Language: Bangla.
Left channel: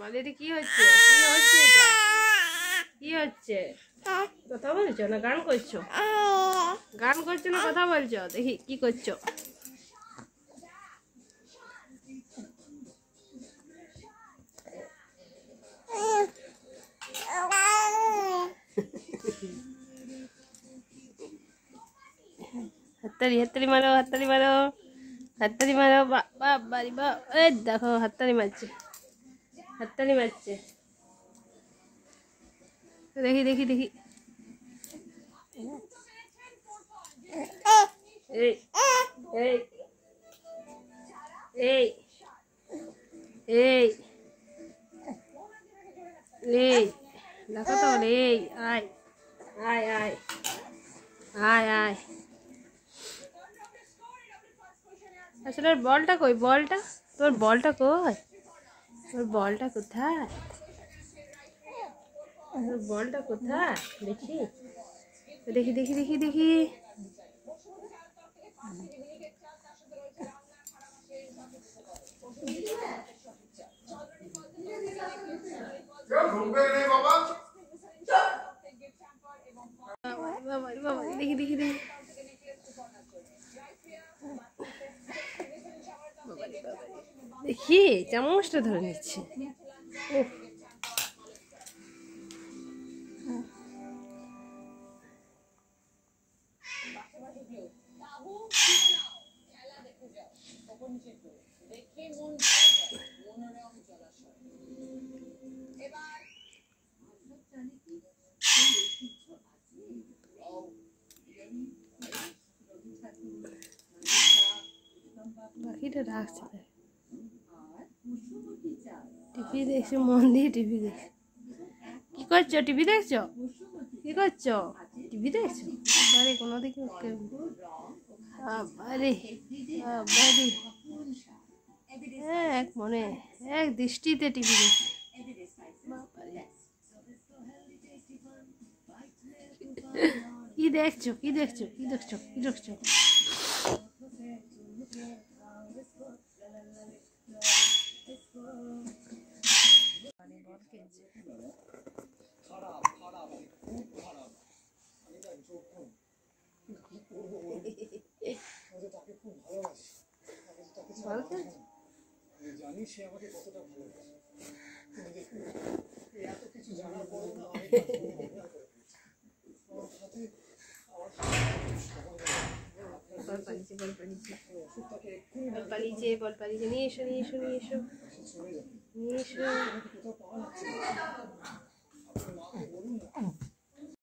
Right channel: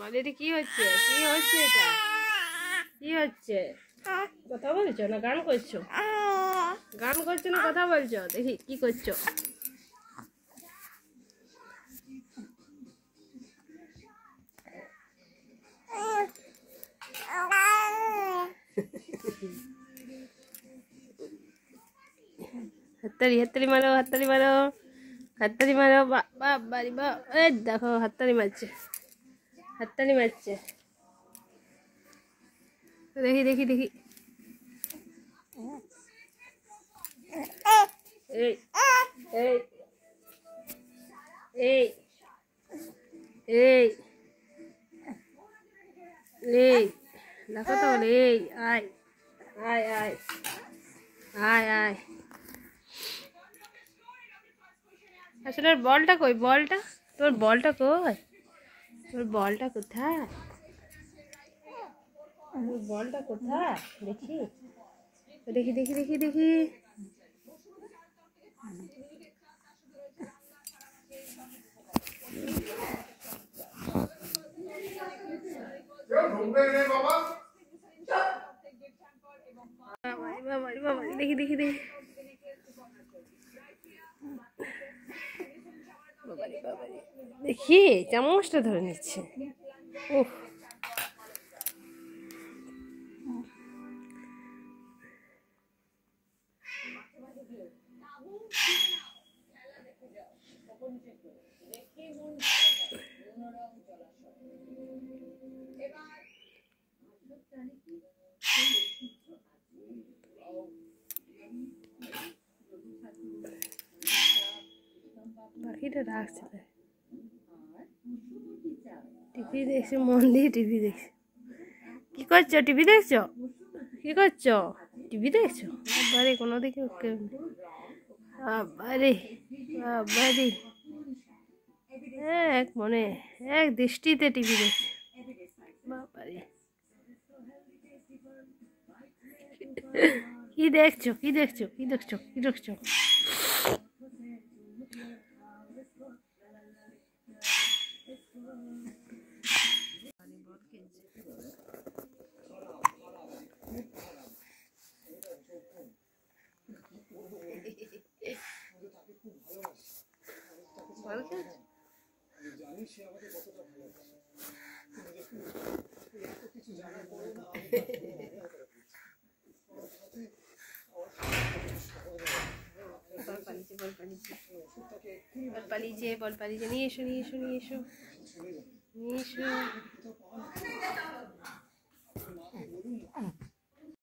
বলে এটা কি হচ্ছে? কি হচ্ছে এটা? কি হচ্ছে? কথা বলছো না গান করছো? গান করছো না কথা বলছো? দেখি কি করছো? হাততালি হাততালি মারো, হাততালি মারো, হাততালি মারো। বাড়ি বা এই দেখো হাততালি মারছে, হাততালি মারছে। দেখি দেখি দেখি। এই এই এই এই এই দেখো তো, এই আয় আয় আয় আয় আয়। আসলে ওর বলটা কই? বলটা তোর বলটা কই? তোর বলটা কোথায়? তোর বলটা কোথায়? দেখি দেখি দেখি দেখি দেখি। দেখি দেখি দেখি। দেখি চামচটা ধরে নিচ্ছে। উফ পাখিটা রাখছে, টিভি দেখছে, মন দিয়ে টিভি দেখছে। কি করছো? টিভি দেখছো? কি করছো? টিভি দেখছো? বাড়ি কোনো দিকে বাড়ি বাড়ি এক মনে এক দৃষ্টিতে টিভি দেখছে। কি দেখছো? কি দেখছো? কি দেখছো? কি দেখছো? জানি সে আমাকে কতটা ভালোবাসে। বল পালিয়েছে নিয়ে এসো নিয়ে এসো নিয়ে এসো নিয়ে এসো।